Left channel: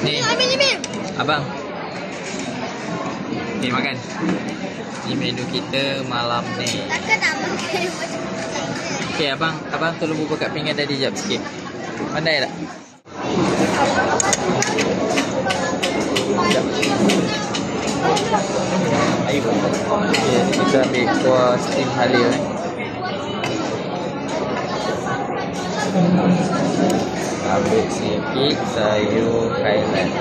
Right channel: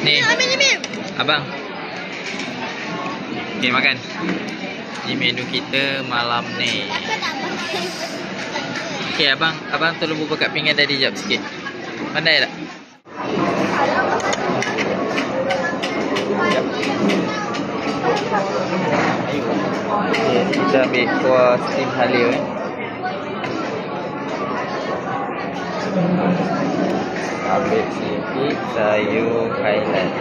Ni, abang. Okay, makan. Ni menu kita malam ni. Okay, abang tolong buka pinggan tadi jap sikit. Pandai tak? Okay, kita ambil kuah steam halia. Ambil sikit sayur Highland.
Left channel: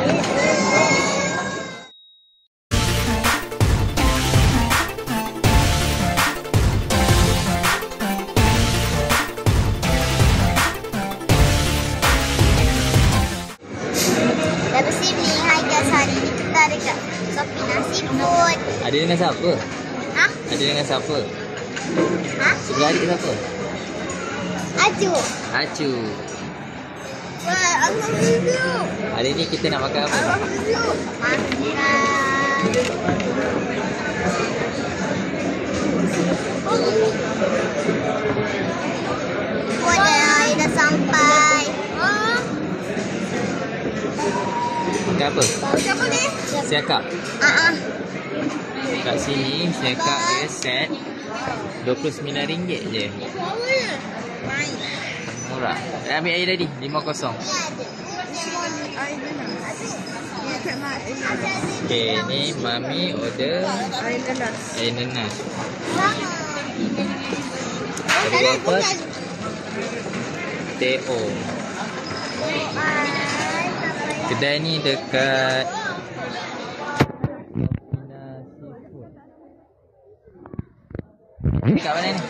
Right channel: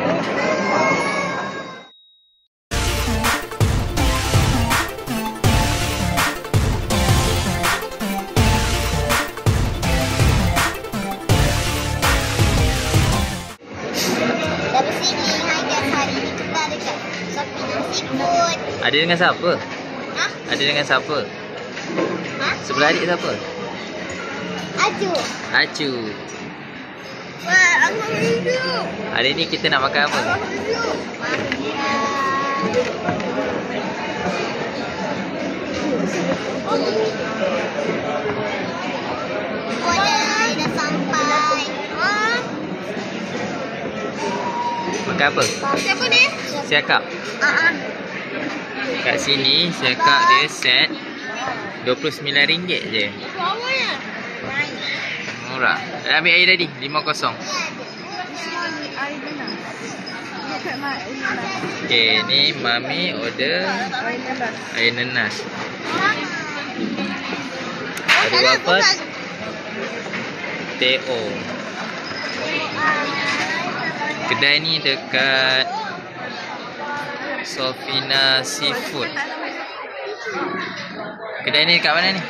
Dah bersih ni. Hai guys, hari ni kita dekat Sofina Seafood. Ada dengan siapa? Ha? Ada dengan siapa? Ha? Sebelah adik siapa? Aju. Acu. Wah, aku rindu. Hari ni kita nak makan apa? Aku ada air dah sampai. Makan apa? Siapa ni? Siakap. Kat sini siakap dia set RM29 je. Murah. Dah ambil air tadi 50. Okay, ni mami order air nenas. Ada berapa? Teo. Kedai ni dekat Sofina Seafood. Kedai ni dekat mana ni?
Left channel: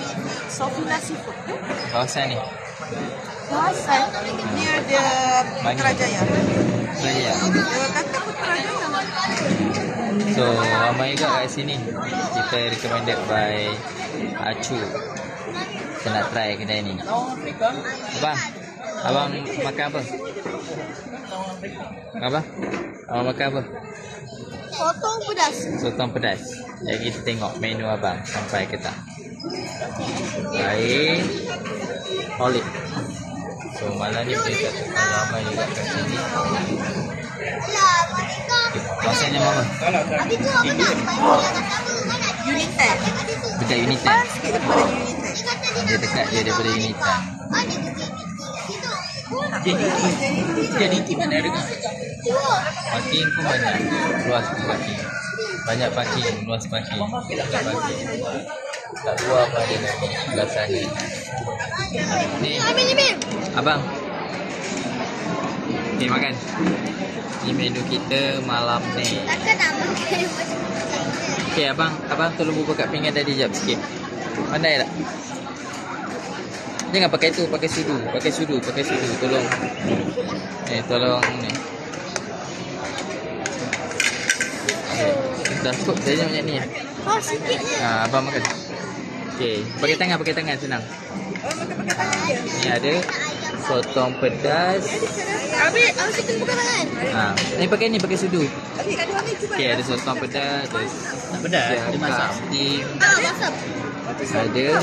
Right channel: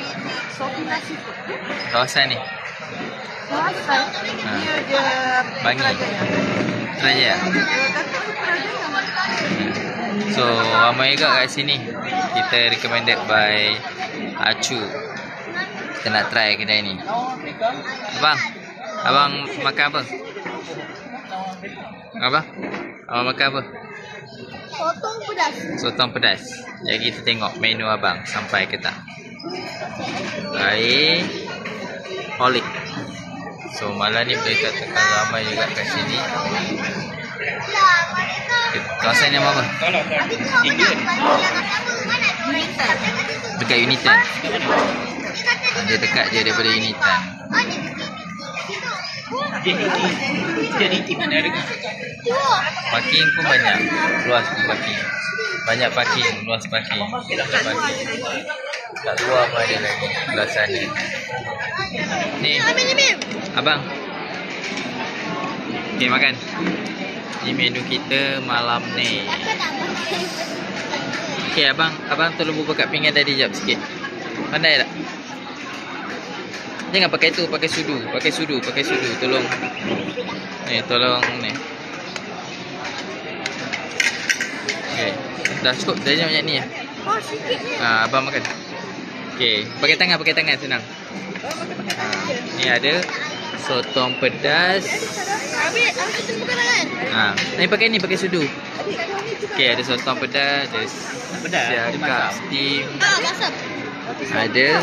Sofina Seafood. Kawasan ni. Kawasan ni ada Bangi. Putrajaya. Kata Putrajaya. So, ramai juga kat sini. Kita recommended by Acu. Kita nak try kedai ni. Abang makan apa? Abang makan apa? Sotong pedas. Sotong pedas. Jadi kita tengok menu abang sampai ke tak. Air olive. So malam ni boleh katakan ramai juga kat sini. Kawasan yang apa? Unitan. Dekat Unitan. Dia dekat je daripada Unitan. Jadi mana ada? Parking pun banyak. Luas pun parking. Banyak parking, luas parking. Banyak parking. Kat luar pun ada lagi. Sebelah sana. Ni. Abang. Okay, makan. Ni menu kita malam ni. Okay, abang tolong buka pinggan tadi jap sikit. Pandai tak? Jangan pakai tu, pakai sudu. Tolong. Ni, tolong ni. Okay. Dah cukup, dah banyak ni ya. Abang makan. Okay, pakai tangan senang. Ni ada sotong pedas. Ni pakai sudu. Okay, ada sotong pedas, ada siakap steam. Ada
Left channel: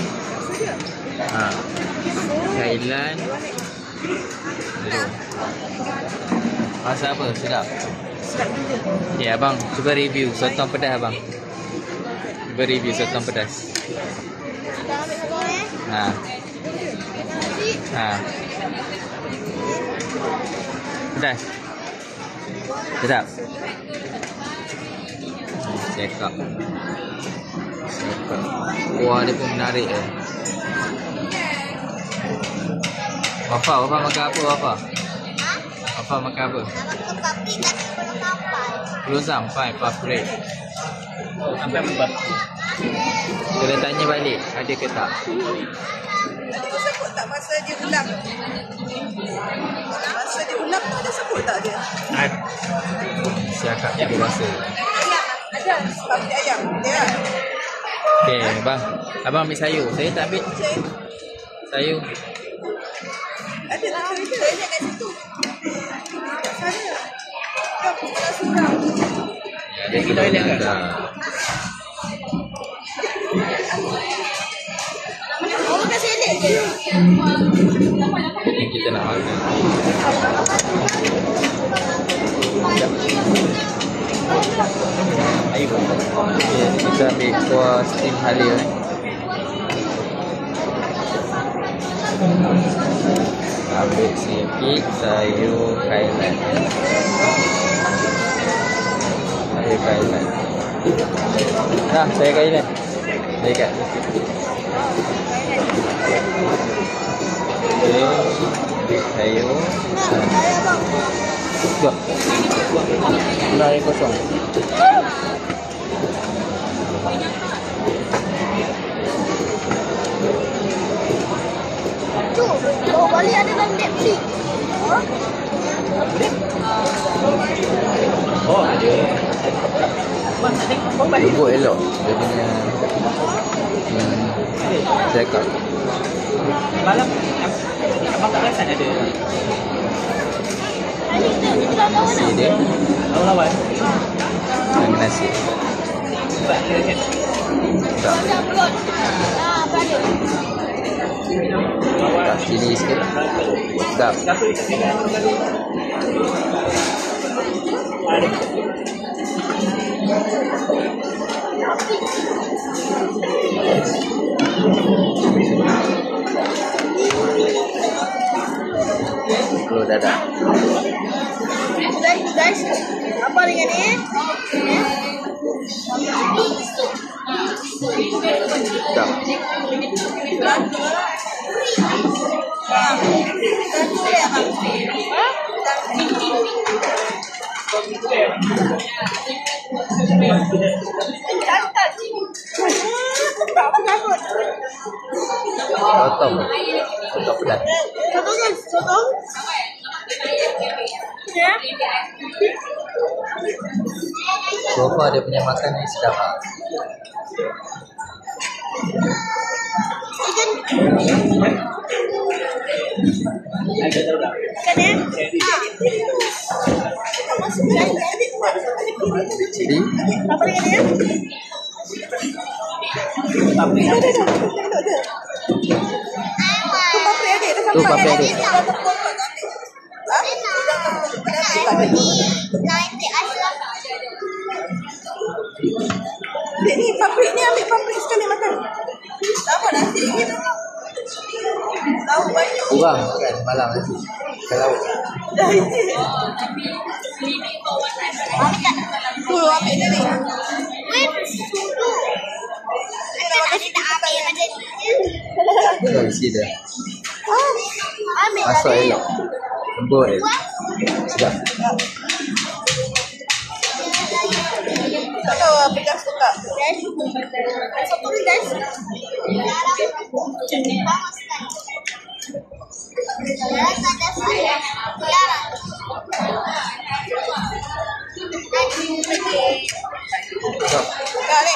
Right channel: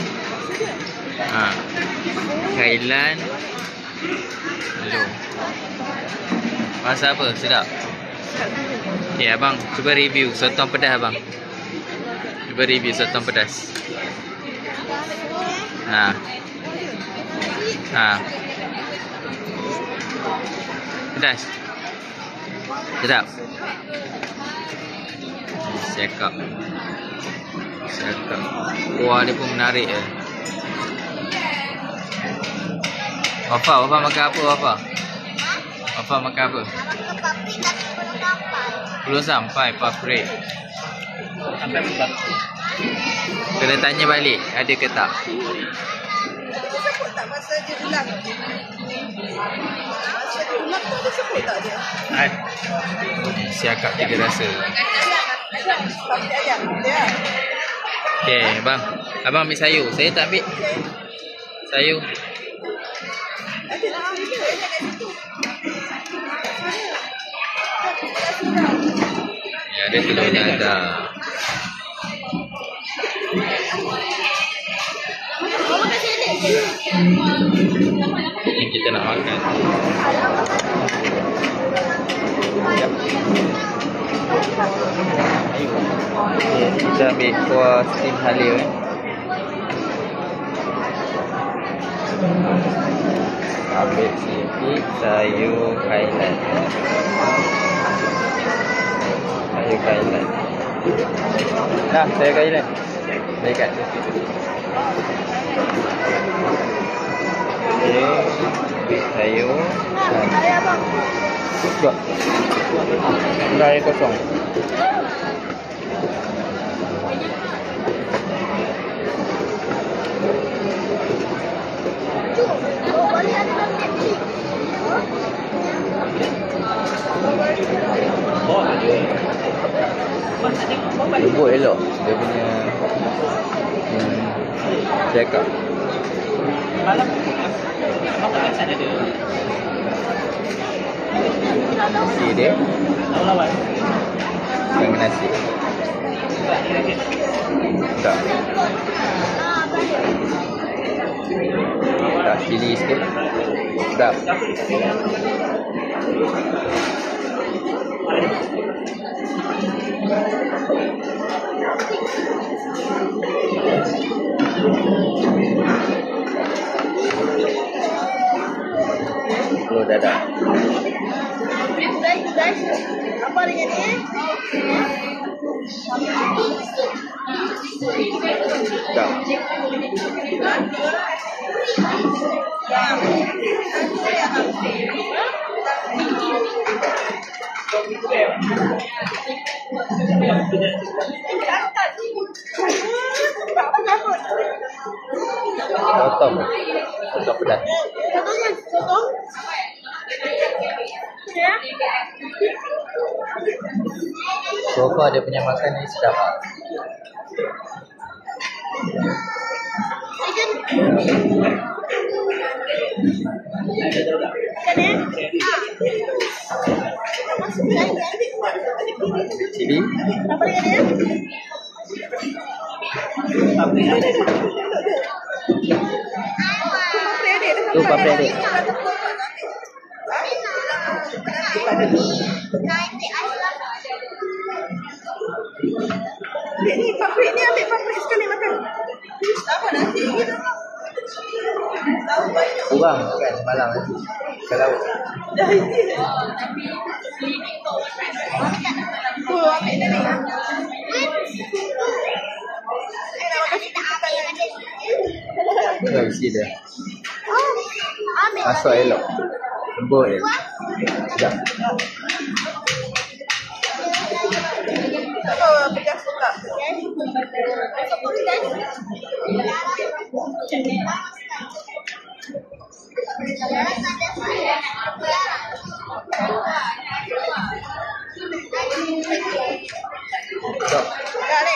Thailand. Hello. Rasa apa? Sedap? Okay, abang cuba review sotong pedas abang. Cuba review sotong pedas. Pedas. Sedap. Siakap. Kuah dia pun menarik ya. Wafa makan apa Wafa? Wafa makan apa? Belum sampai paprik. Kena tanya balik ada ke tak? Sebut tak masa dia ulang? Masa dia ulang tu sebut tak dia? Siakap tiga rasa. Ada papi ayam. Ya. Okay, abang ambil sayur. Saya tak ambil sayur. Ada tak ada kat situ. Ya, ada telur dadah. Ni kita nak makan. Kita ambil kuah steam halia Ambil sikit sayur kailan. Sayur kailan. Nah, sayur kailan. Dekat. Okey. Ambil sayur. Ayah bang. Buat. Guna air kosong. Oh, boleh ada dalam Netflix. Lembut elok dia punya cakap. Nasi dia dengan nasi. Tak. Tak cili sikit. Tak. Telur dadah. Guys, apa dengan ni? Tak. Sotong. Sotong pedas. Sotong. Ya. So far dia punya makan ni sedap lah. Cili. Apa dengan dia? Tu papai adik. Ni paprik ni ambil paprik sekali makan. Sama nanti. Kurang kan malam nanti. Kalau Tu ambil ni ni. dah isi dia. Masuk elok. Lembut dia. Sedap. Tak tahu pedas tu tak. Sotong guys. Sedap. Tak ni.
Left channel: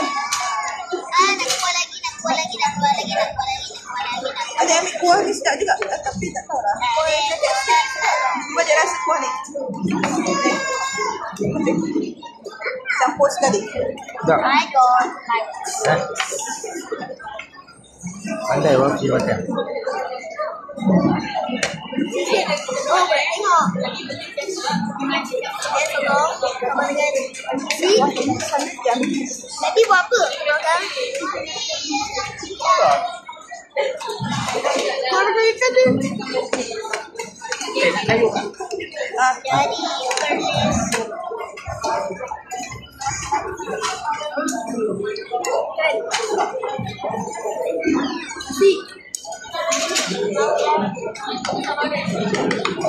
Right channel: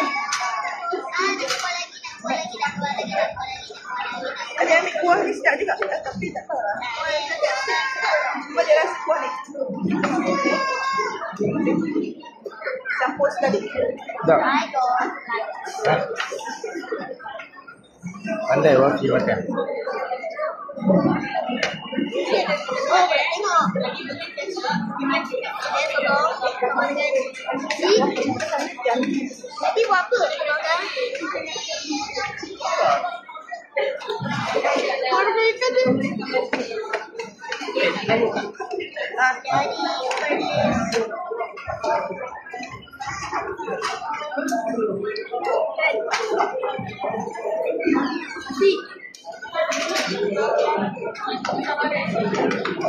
Ada ambil kuah ni sedap juga. Tapi tak tahu lah. Cuba dia rasa kuah ni. Campur sekali. Sedap. Pandai Wafi makan. Oh, tengok. Lagi buat apa? Kalau dia tadi.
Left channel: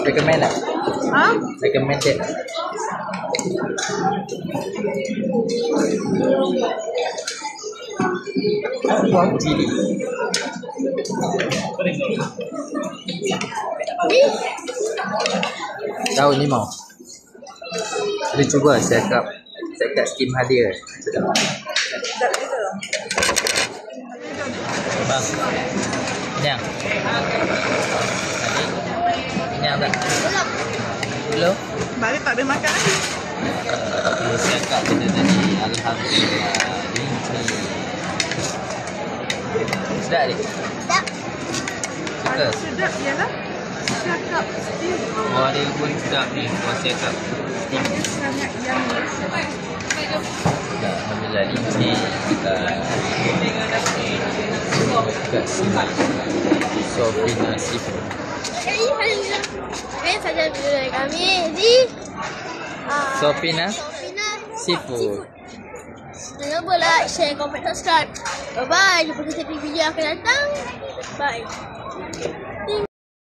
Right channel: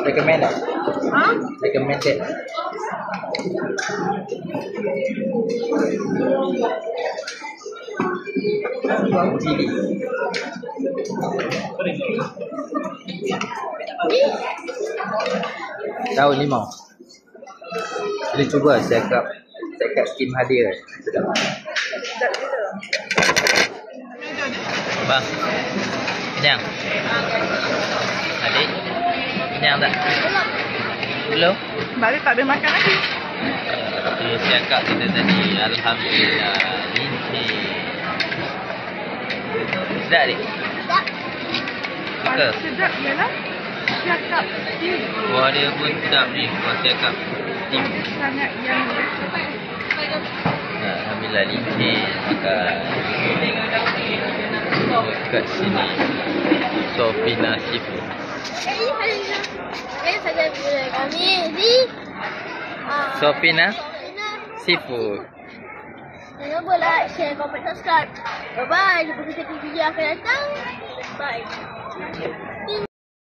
Recommend tak? Recommended. Cili. Tahu ni mau. Boleh cuba cakap skim halia. Sedap. Bang. Kenyang. Adik. Kenyang tak? Belum. Belum? Baru tak boleh makan. Okay, cakap kita tadi. Alhamdulillah. Linci. Sedap adik? Sedap. Suka? Sedap ialah cakap steam. Kuah dia pun sedap ni. Kuah cakap steam. Sangat yang Nah, Alhamdulillah lincin kat sini. Sofina Seafood. Ini saja video kami di Sofina Sofina Seafood. Jangan lupa like, share, comment, subscribe. Bye-bye. Jumpa kita di video akan datang. Bye.